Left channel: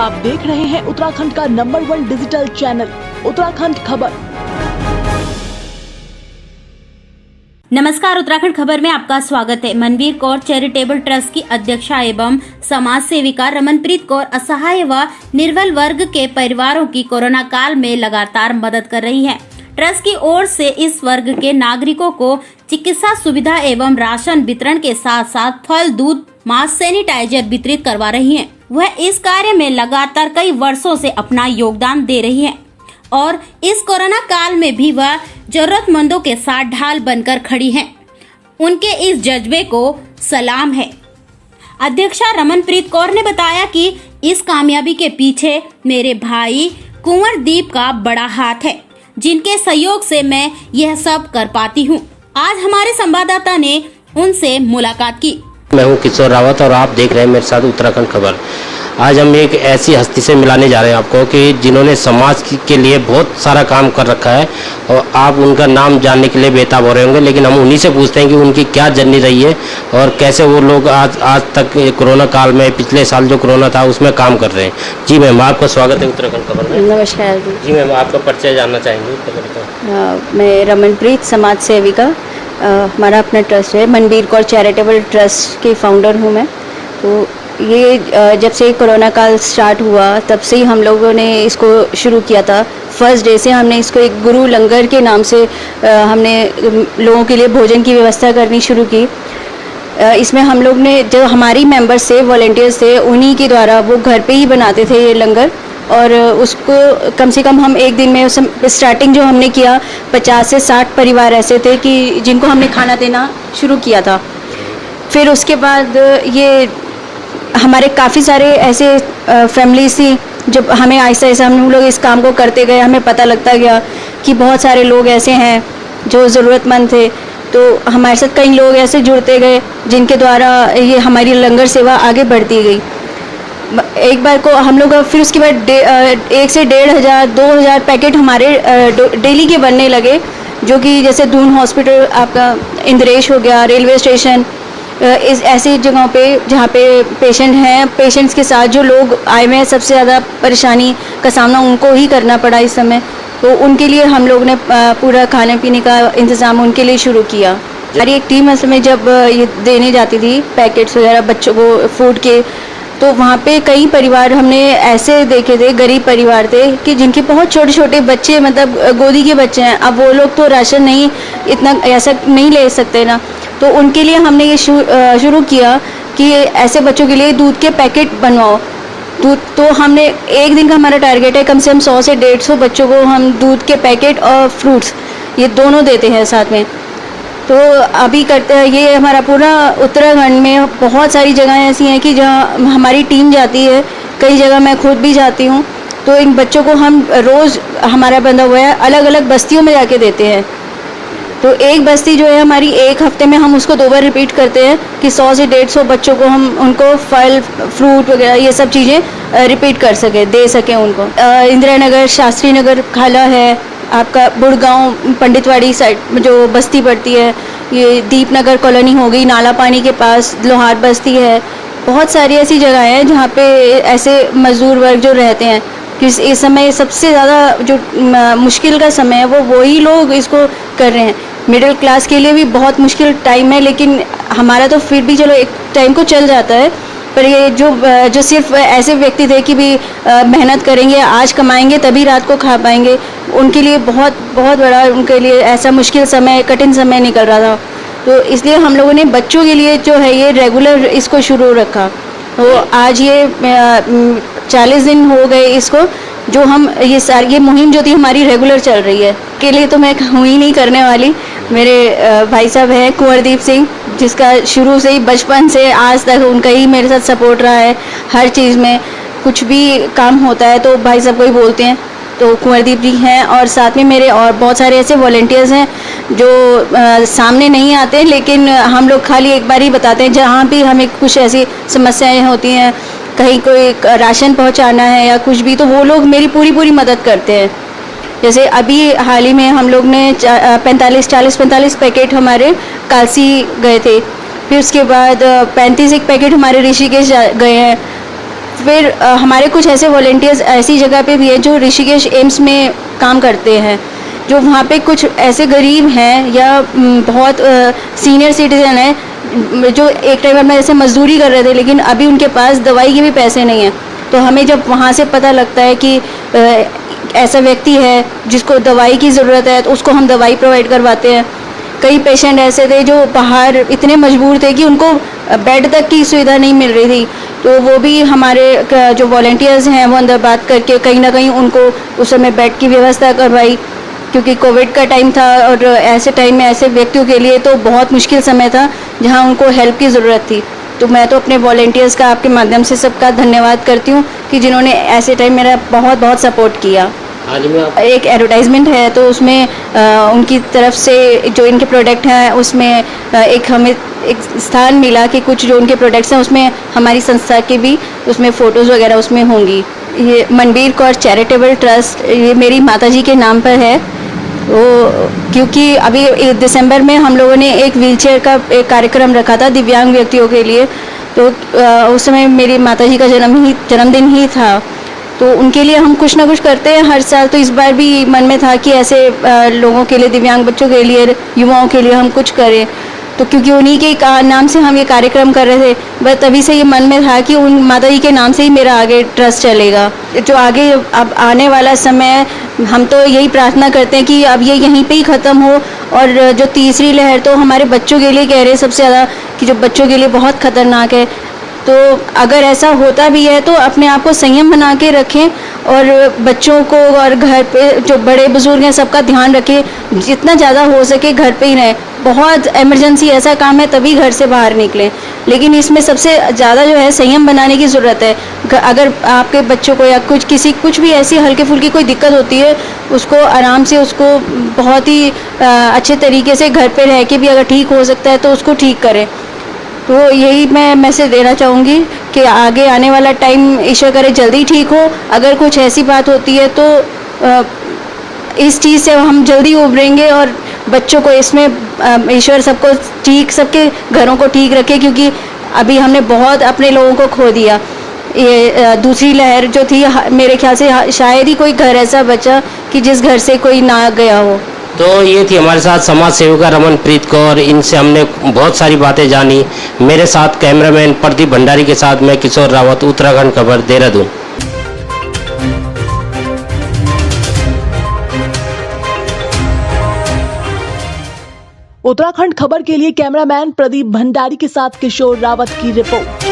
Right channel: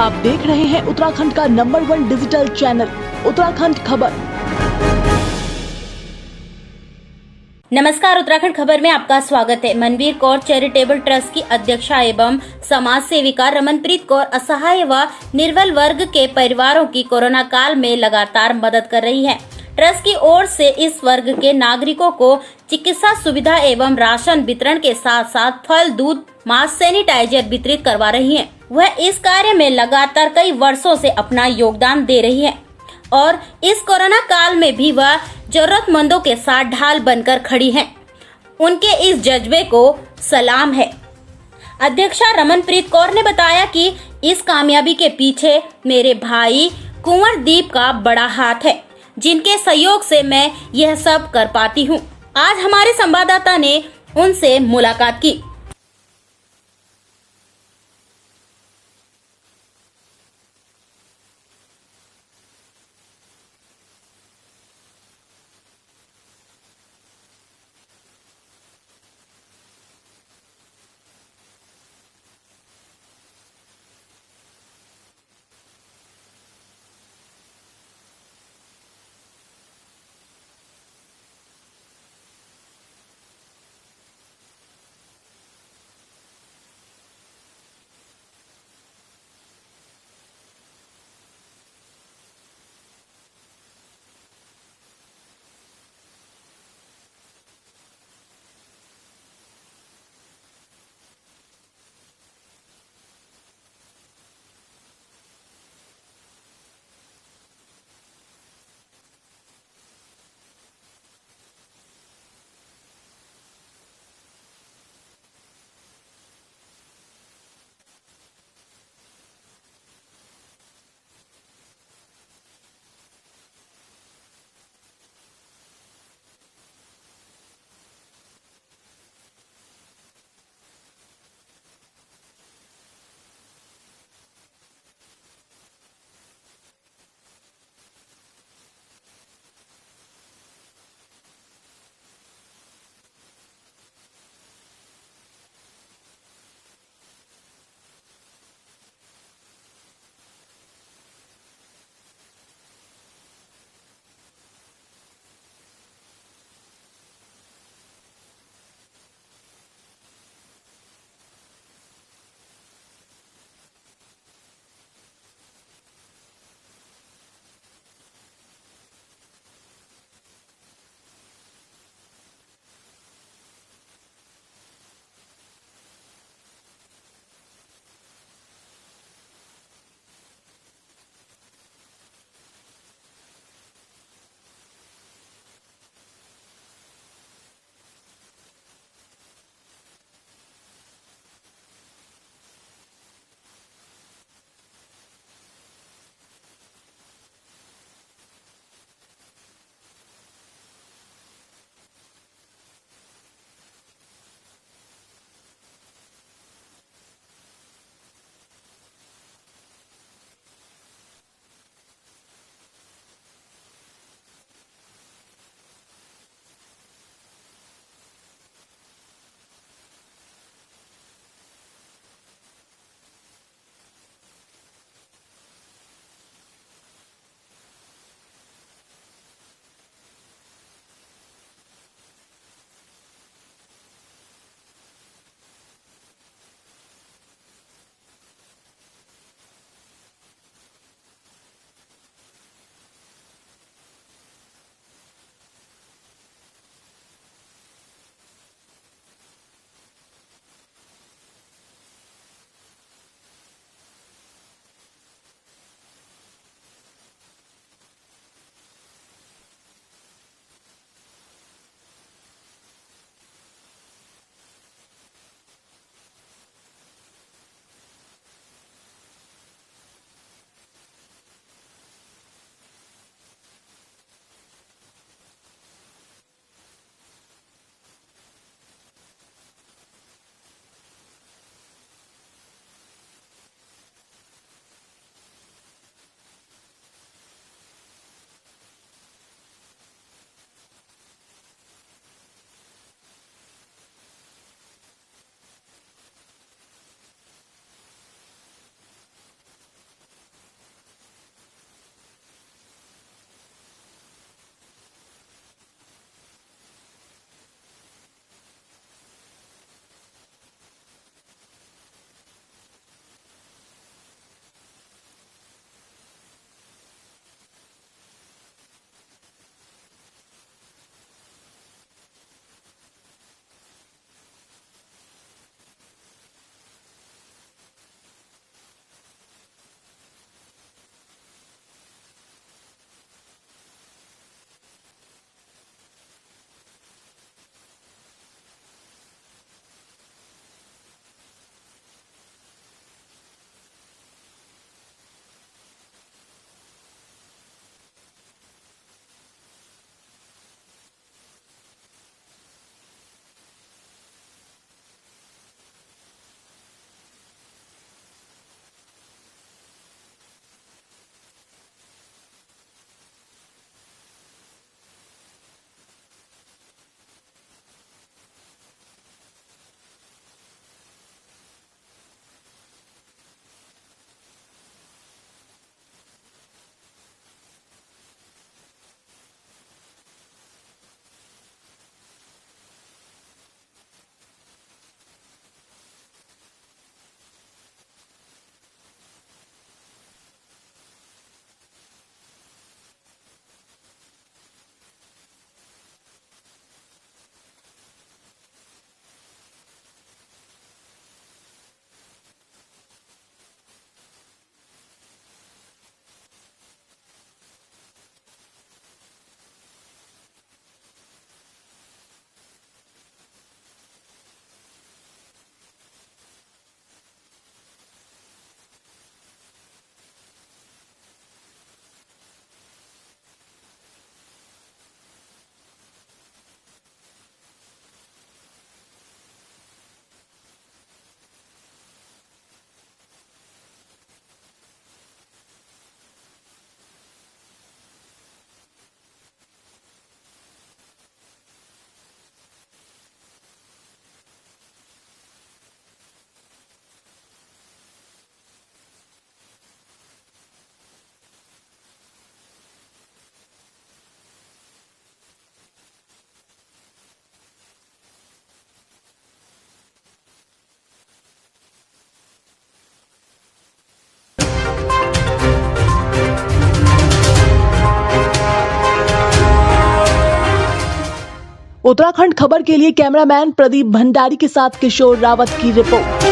आप देख रहे हैं उत्तराखंड का नंबर 1 डिजिटल चैनल उत्तराखंड खबर। नमस्कार, उत्तराखंड खबर में आपका स्वागत है। मनवीर कौर चैरिटेबल ट्रस्ट की अध्यक्षा एवं समाज सेविका रमनप्रीत कौर असहाय व निर्बल वर्ग के परिवारों की कोरोना काल में लगातार मदद कर रही हैं। ट्रस्ट की ओर से इस वर्ग के नागरिकों को चिकित्सा सुविधा एवं राशन वितरण के साथ साथ फल, दूध, मास्क, सैनिटाइजर वितरित करवा रही हैं। वह इस कार्य में लगातार कई वर्षों से अपना योगदान दे रही हैं और इस कोरोना काल में भी वह जरूरतमंदों के साथ ढाल बनकर खड़ी हैं। उनके इस जज्बे को सलाम है। अध्यक्षा रमनप्रीत कौर ने बताया कि इस कामयाबी के पीछे मेरे भाई कुंवरदीप का बड़ा हाथ है, जिनके सहयोग से मैं यह सब कर पाती हूँ। आज हमारे संवाददाता ने उनसे मुलाकात की। मैं हूँ किशोर रावत और आप देख रहे हैं मेरे साथ उत्तराखंड खबर। आज हम एक ऐसी हस्ती से मिलाने जा रहे हैं आपको कि जिन्होंने समाज के लिए बहुत सारा काम कर रखा है और आप उनका नाम जानने के लिए बेताब हो रहे होंगे, लेकिन हम उन्हीं से पूछते हैं कि उनकी क्या जर्नी रही है और कैसे वो लोग आज तक कोरोना काल में, पिछले साल जो कोरोना था उसमें काम कर रहे हैं। जी मैम, आपका स्वागत है उत्तराखंड खबर में। नमस्कार जी मैम, आपका परिचय जानना चाहेंगे। मैं रमनप्रीत समाज सेविका, हमारा अपना ट्रस्ट है मनवीर कौर चैरिटेबल ट्रस्ट की फाउंडर हूँ मैं। तो ये जब से कोरोना काल स्टार्ट हुआ तब से ही हम लोगों ने इसको शुरू किया था। फर्स्ट डे से हमने इसको एक गुरु लंगर के नाम से हमने लोगों के लिए भोजन की व्यवस्था करनी शुरू की। इसमें हम लोग ने जो हमारी मेंबर्स थे, वॉलंटियर्स थे, उन्हीं के द्वारा वो घर पे ही बनाते थे ये लंगर और उसको कम से कम हम एक दिन में स्टार्टिंग जो हमने किया 50 से 60 परिवार ऐसे थे कि जिनको हमने खाना देना शुरू किया था। फिर उसके बाद ये हमारे काफ़ी सारे ऐसे फैमिलीज थी, जब हमें आहिस्ता आहिस्ता हम लोग इस काम को करते गए, हमें पता लगता गया कि बहुत सारे लोग ऐसे हैं जो ज़रूरतमंद थे। तो हमारे साथ कई लोग ऐसे जुड़ते गए जिनके द्वारा ये हमारी लंगर सेवा आगे बढ़ती गई। एक बार को हम लोग फिर उसके बाद 1 से 1,500 2,000 पैकेट हमारे डेली के बनने लगे, जो कि जैसे दून हॉस्पिटल, आपका इंद्रेश हो गया, रेलवे स्टेशन, इस ऐसी जगहों पे जहाँ पे पेशेंट हैं, पेशेंट्स के साथ जो लोग आए हुए हैं, सबसे ज़्यादा परेशानी का सामना उनको ही करना पड़ा इस समय। तो उनके लिए हम लोग ने पूरा खाने पीने का इंतज़ाम उनके लिए शुरू किया। हमारी एक टीम असल में जब ये देने जाती थी पैकेट्स वगैरह बच्चों को फूड के, तो वहाँ पे कई परिवार हमने ऐसे देखे थे, गरीब परिवार थे कि जिनके बहुत छोटे छोटे बच्चे, मतलब गोदी के बच्चे हैं। अब वो लोग तो राशन नहीं इतना ऐसा नहीं ले सकते ना, तो उनके लिए हमने ये शुरू किया कि ऐसे बच्चों के लिए दूध के पैकेट बनवाओ। दूध तो हमने एक दिन का हमारा टारगेट है, कम से कम 100 से 150 बच्चों को हम दूध के पैकेट और फ्रूट्स ये दोनों देते हैं साथ में। तो अभी करते हैं ये हमारा पूरा उत्तराखंड में बहुत सारी जगहें ऐसी हैं कि जहाँ हमारी टीम जाती है, कई जगह मैं खुद भी जाती हूँ। तो इन बच्चों को हम रोज़, हमारा बंधा हुआ है, अलग अलग बस्तियों में जाके देते हैं। तो एक बस्ती जो है हमारी, एक हफ्ते में हम उसको 2 बार रिपीट करते हैं कि 100 से 150 बच्चों को हम उनको फल, फ्रूट वगैरह ये सब चीज़ें रिपीट कर सके, दे सकें उनको। इंदिरा नगर, शास्त्री नगर खाला है, आपका बुड़गांव, पंडितवाड़ी साइड जो बस्ती पड़ती है, ये दीपनगर कॉलोनी हो गई, नाला पानी के पास लोहार बस्ती है। बहुत सारी ऐसी जगह हैं जहाँ पे ऐसे मजदूर वर्ग जो रहते हैं कि इस समय सबसे ज़्यादा जो मुश्किल का समय है वो वही लोग इसको कर रहे हैं। मिडिल क्लास के लिए भी बहुत मुश्किल टाइम है, लेकिन हमारा तो फिर भी चलो एक टाइम को चल जाता है। पर ये जो सिर्फ ऐसे व्यक्ति थे कि भी मेहनत करेंगे, आज कमाएंगे तभी रात को खा पाएंगे, उनके लिए बहुत बहुत बड़ा, उनके लिए ऐसा मुश्किल समय, कठिन समय निकल रहा था। तो इसलिए हम लोगों ने बच्चों के लिए जो है ये रेगुलर इसको शुरू रखा। तो आज ये 40 दिन हो गए इसको, जो हम ये मुहिम जो थी हमारी रेगुलर चल रही है। के लिए तो मैं हूँ ही नहीं करने वाली, मेरे भाई साहब हैं कुंवरदीप सिंह, जिसका शुरू से ही बचपन से आज तक उनका ही मेरे साथ सपोर्ट रहा है। हर चीज़ में कुछ भी काम होता है तो भाई साहब को ही बोलते हैं, तो कुंवरदीप जी हैं। और साथ में मेरे और बहुत सारे ऐसे वॉलंटियर्स हैं जो सामने नहीं आते, लेकिन हम लोग खाली एक बार ही बताते हैं जहाँ भी हमें कुछ ऐसी समस्याएं होती हैं, कहीं कोई राशन पहुँचाना है या कुछ भी, तो वो लोग मेरी पूरी मदद करते हैं। जैसे अभी हाल ही में हम लोग ने 40-45 पैकेट हमारे कालसी गए थे, फिर उसके बाद 35 एक पैकेट हमारे ऋषिकेश गए हैं, फिर हमारे कुछ ऐसे वॉलेंटियर्स ऐसी जगह पे भी है जो ऋषिकेश एम्स में काम करते हैं, जो वहाँ पे कुछ ऐसे गरीब हैं या बहुत सीनियर सिटीज़न हैं जो एक टाइम में ऐसे मजदूरी कर रहे थे, लेकिन अभी उनके पास दवाई के भी पैसे नहीं हैं। तो हमें जब वहाँ से पता लगता है कि ऐसा व्यक्ति है जिसको दवाई की ज़रूरत है, तो उसको हम दवाई प्रोवाइड करवाते हैं। कई पेशेंट ऐसे थे जो बाहर इतने मजबूर थे कि उनको बेड तक की सुविधा नहीं मिल रही थी, तो वो भी हमारे जो वॉलेंटियर्स हैं वो अंदर बात करके कहीं ना कहीं उनको उस समय बेड की व्यवस्था करवाई, क्योंकि कोविड का टाइम था और ऐसे टाइम में ऐसे व्यक्तियों के लिए तो बहुत मुश्किल समय था जहां उनको हेल्प की ज़रूरत थी। तो मैं तो अपने वॉलेंटियर्स का आपके माध्यम से सबका धन्यवाद करती हूँ कि जिन्होंने ऐसे टाइम मेरा बहुत बहुत सपोर्ट किया। आज में आप एक एडवर्टाइजमेंट है तो उसमें उनकी तरफ से जो इनके प्रोडक्ट हैं उसमें एक हमें एक स्थान मिला कि कुछ जो उनके प्रोडक्ट्स हैं उसमें हमारी संस्था के भी उसमें फ़ोटोज़ वगैरह उसमें होंगी। ये मनबीर कौर चैरिटेबल ट्रस्ट ये मेरी माताजी के नाम पर है। वो क्योंकि अभी दिसंबर में हम लोगों ने एक व्हीलचेयर का एक कार्यक्रम रखा था दिव्यांग व्यक्तियों के लिए, तो उस समय मेरी माताजी का जन्मदिन ही था, तो उनके लिए हम कुछ ना कुछ करते हैं हर साल। तो इस बार भी मन में था कि ऐसे लोगों के लिए, दिव्यांग बच्चों के लिए, युवाओं के लिए हम कुछ करें। तो क्योंकि उन्हीं के नाम से हम ये कार्यक्रम कर रहे थे, बस तभी से ये मन में था कि उन माताजी के नाम से ही मेरा आगे ट्रस्ट चलेगा। जो आगे अब आने वाला समय हम तो यही प्रार्थना करते हैं कि अब ये यहीं पे ही ख़त्म हो, और जो तीसरी लहर तो हमारे बच्चों के लिए कह रहे हैं सबसे ज़्यादा कि जो बच्चों के लिए बहुत ख़तरनाक है। तो अगर ऐसा होता भी है तो अपने आप को संयम बना के रखें और बच्चों को और घर पे जो बड़े बुजुर्ग हैं सबका ध्यान रखें, जितना ज़्यादा हो सके घर पे ही रहें। बहुत इमरजेंसी ऐसा काम है तभी घर से बाहर निकलें, लेकिन इसमें सबसे ज़्यादा जो है संयम बनाने की ज़रूरत है। अगर आपके बच्चों को या कुछ भी ऐसी हल्की फुल्की कोई दिक्कत होती है, उसको आराम से उसको बहुत ही अच्छे तरीके से घर पे रह के भी अगर ठीक हो सकता है तो उसको ठीक करें। तो यही मैं मैसेज देना चाहूँगी कि आगे आने वाला टाइम ईश्वर करे जल्दी ठीक हो। अगर कुछ ऐसी बात होती है तो इस चीज़ से हम जल्दी उभरेंगे और बच्चों को इसमें ईश्वर सबको ठीक, सबके घरों को ठीक रखे, क्योंकि अभी हमने बहुत अपने लोगों को खो दिया। ये दूसरी लहर जो थी मेरे ख्याल से शायद ही कोई घर ऐसा बचा कि जिस घर से कोई ना गया हो। तो ये थी हमारे साथ समाज सेविका रमनप्रीत कौर, इनसे हमने बहुत सारी बातें जानी। मेरे साथ कैमरामैन प्रदीप भंडारी के साथ मैं किशोर रावत, उत्तराखंड खबर, देहरादून। उत्तराखंड खबर के लिए कैमरामैन प्रदीप भंडारी के साथ किशोर रावत की रिपोर्ट।